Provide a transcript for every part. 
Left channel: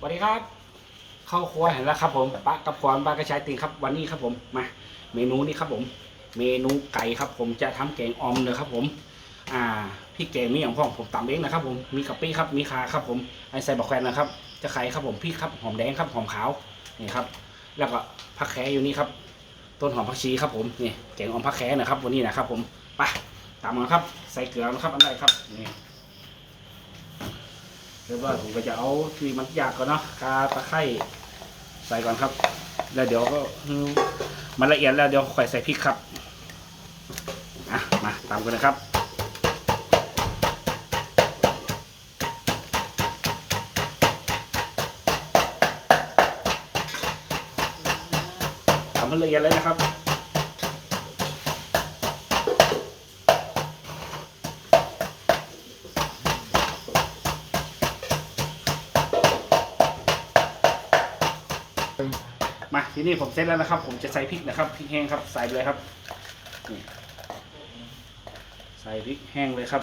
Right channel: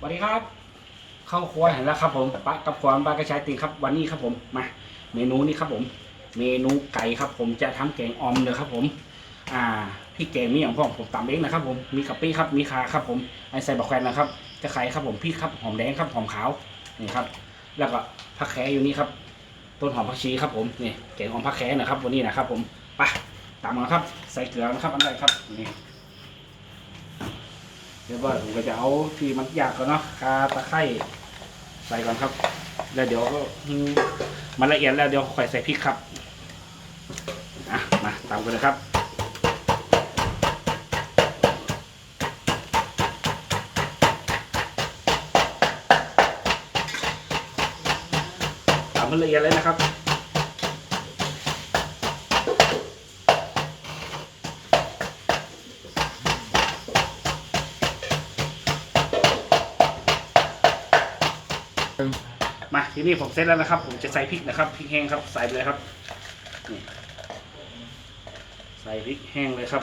สวัสดีครับ เข้าครัวเห็นแล้วครับ ผมปลากับความปลากระชายตีนครับ วันนี้ครับผมมาเมนูนี้ครับผม เมนูไก่ครับ ผมจะทำแกงออมเลยครับ ผม อ่าพี่แกงนี่ของพ่อผมตำเองนะครับ ผมมีกะปิครับมีคาครับ ผมไอใส่บะแควนนะครับ จะไข่ครับผมพริกครับหอมแดงครับหอมขาวนี่ครับ แล้วก็ผักแขอยู่นี่ครับต้นหอมผักชีครับผมนี่แกงออมผักแขนะครับ วันนี้นะครับ ผมไปตามมาครับ ใส่เกลือนะครับอันใดครับนี่ เรียบร้อยผมก็จะเอาที่มันยากก่อนเนาะคาตะไคร้ใส่ก่อนครับ แล้วเดี๋ยวก็มันละเอียดแล้วเดี๋ยวค่อยใส่พริกครับอะมาตามกันเลยครับตามมันละเอียดเลยนะครับ มาทีนี้ผมเซตแล้วนะครับ ผมจะใส่พริกนะครับพริกแห้งครับใส่เลยครับนี่ใส่พริกแห้งเลยครับ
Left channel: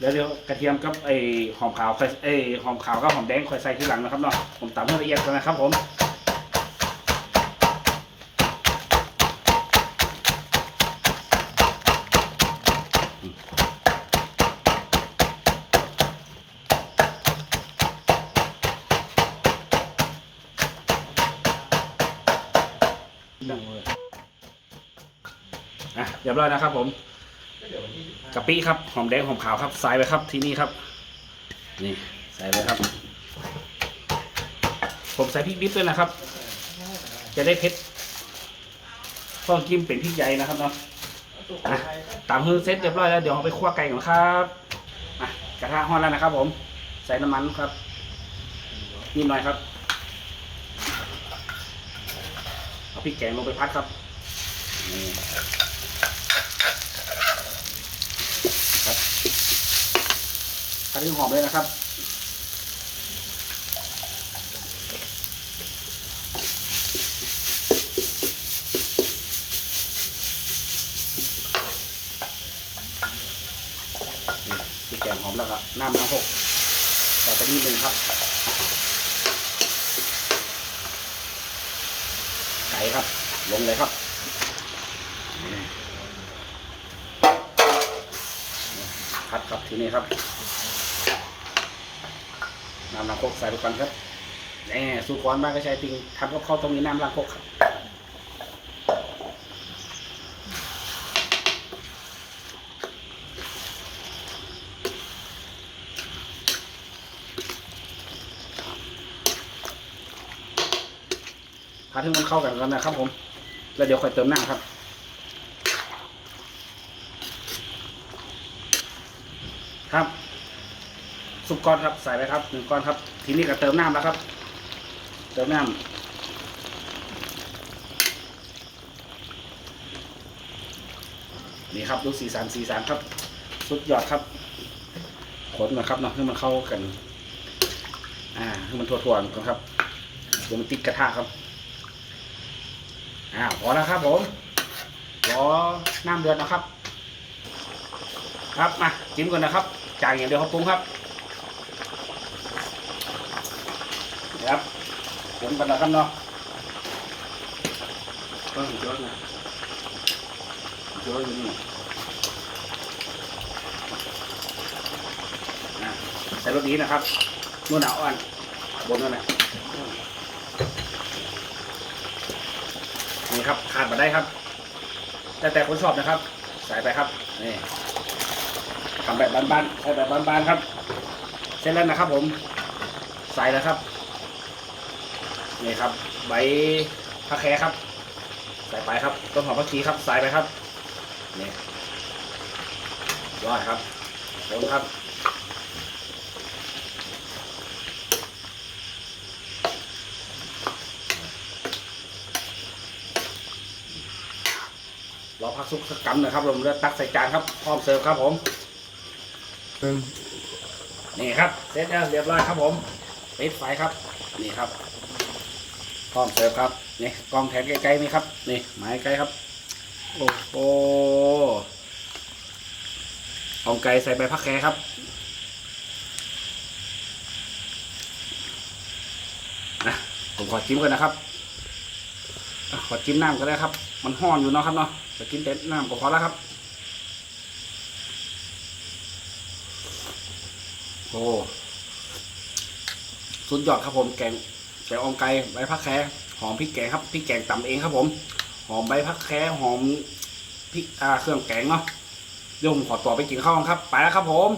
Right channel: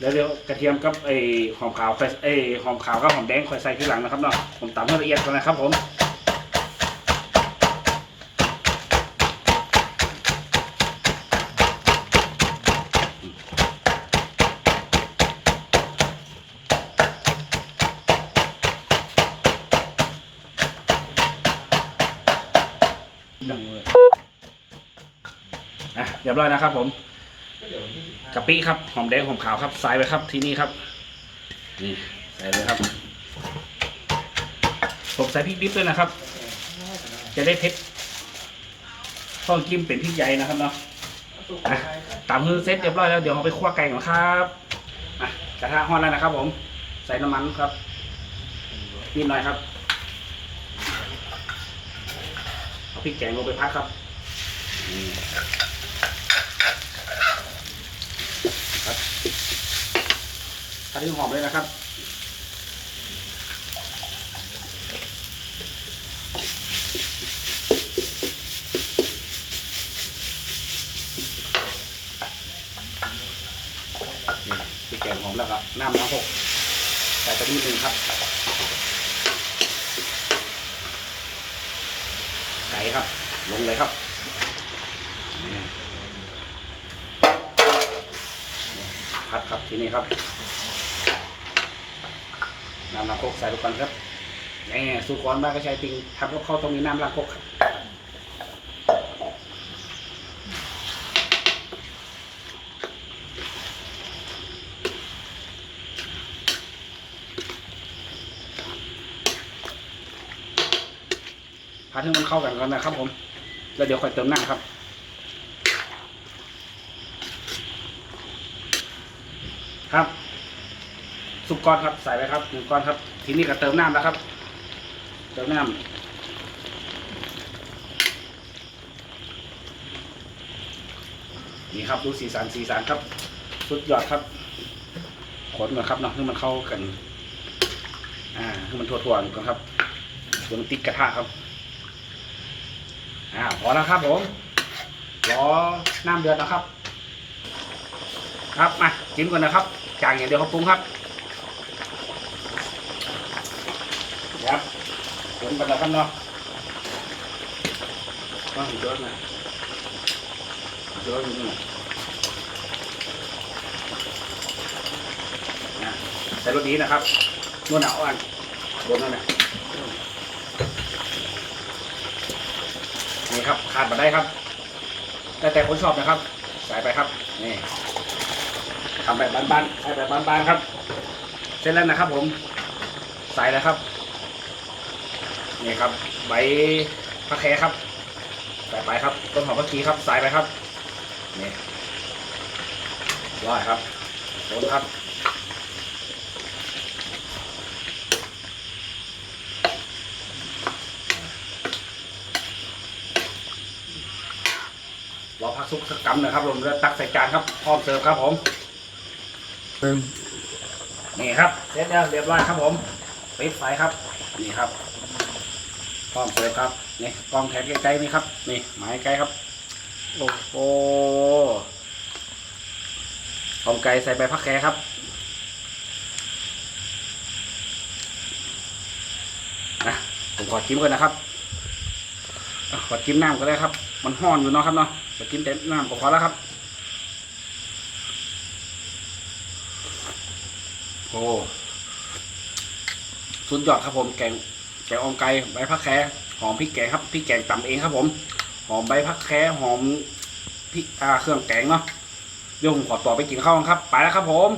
แล้วเดี๋ยวกระเทียมกับไอหอมขาวไอหอมขาวกับหอมแดงค่อยใส่ทีหลังนะครับเนาะผมตำให้ละเอียดก่อนนะครับผม ดังเลยอะเรียบร้อยนะครับ ผมกะปิครับหอมแดงหอมขาวครับใส่ไปครับที่นี่ครับ นี่ใส่เลยครับ ผมใส่พริกดิบด้วยนะครับ จะได้เผ็ดต้องจิ้มเป็นพริกใหญ่นะครับเนาะอะตามมือเสร็จเรียบร้อยแล้วเดี๋ยวเอาไปคั่วไก่ก่อนครับอะกระทะฮ้อนแล้วนะครับ ผม ใส่น้ำมันครับนิดหน่อยครับเอา พริกแกงลงไปพักครับครับพักที่หอมเลยนะครับนี่พริกแกงหอมแล้วก็น้ำน้ำหกใส่ไปนิดนึงครับ ใส่ครับ ลงเลยครับพัดครับทีนี้ครับน้ำล้างคกใส่ทุกปันครับนี่สูตรก่อนบ้านก็ใช้ติงทำกับข้าวต้องมีน้ำล้างคกครับ พัดให้มันเข้ากันก่อนนะครับผมแล้วเดี๋ยวค่อยเติมน้ำครับครับสุกก้อนครับใส่ไปครับหนึ่งก้อนครับ ทีนี้ก็เติมน้ำแล้วครับ เติมน้ำนี่ครับดูสีสันสีสันครับ สุดยอดครับขนก่อนครับเนาะให้มันเข้ากัน อ่าให้มันทั่วๆก่อนครับเดี๋ยวมันติดกระทะครับ อ่าพอแล้วครับผมรอน้ำเดือดนะครับ ครับมาจิ้มก่อนนะครับจางอย่างเดียวครับปรุงครับครับผมกันนะครับเนาะก็สุดยอดนะสุดยอดจริงๆนะใส่รสดีนะครับนวดหนาอ่อนบนนั่นแหละนี่ ครับขาดมาได้ครับแต่แต่คนชอบนะครับ ใส่ไปครับนี่ทำแบบบานๆใส่แบบบานๆครับ เสร็จแล้วนะครับ ผม ใส่แล้วครับนี่ครับ ใบผักแคครับ ใส่ไปครับต้นหอมผักชีครับ ใส่ไปครับนี่ร้อยครับโคนครับ รอพักซุกสักกำหนะครับผมแล้วตักใส่จานครับพร้อมเสิร์ฟครับผมนี่ครับเสร็จแล้วเรียบร้อยครับผมปิดไฟครับ นี่ครับกล้องเปิดครับนี่กล้องแทนไกลๆนี่ครับ นี่หมายไกลครับโอ้โหของไก่ใส่ใบพักแคครับเติมนี่ครับเสร็จแล้วเรียบร้อยครับผมปิดไฟครับนี่กล้องแทนใกล้ๆนี่ครับนี่หมายไกลครับโอ้โหของไก่ใส่ใบพักแคครับน้ำขอจิ้มกันนะครับ อะขอจิ้มน้ำก็ได้ครับ มันห้อนอยู่เนาะครับเนาะขอจิ้มแต่น้ำก็พอแล้วครับ โอ้สุดยอดครับผมแกงแกงออมไก่ใบพักแคหอมพริกแกงครับพริกแกงตำเองครับผม หอมใบพักแคหอมพริกอ่าเครื่องแกงเนาะเดี๋ยวผมขอตัวไปกินข้าวกันครับ ไปแล้วครับผม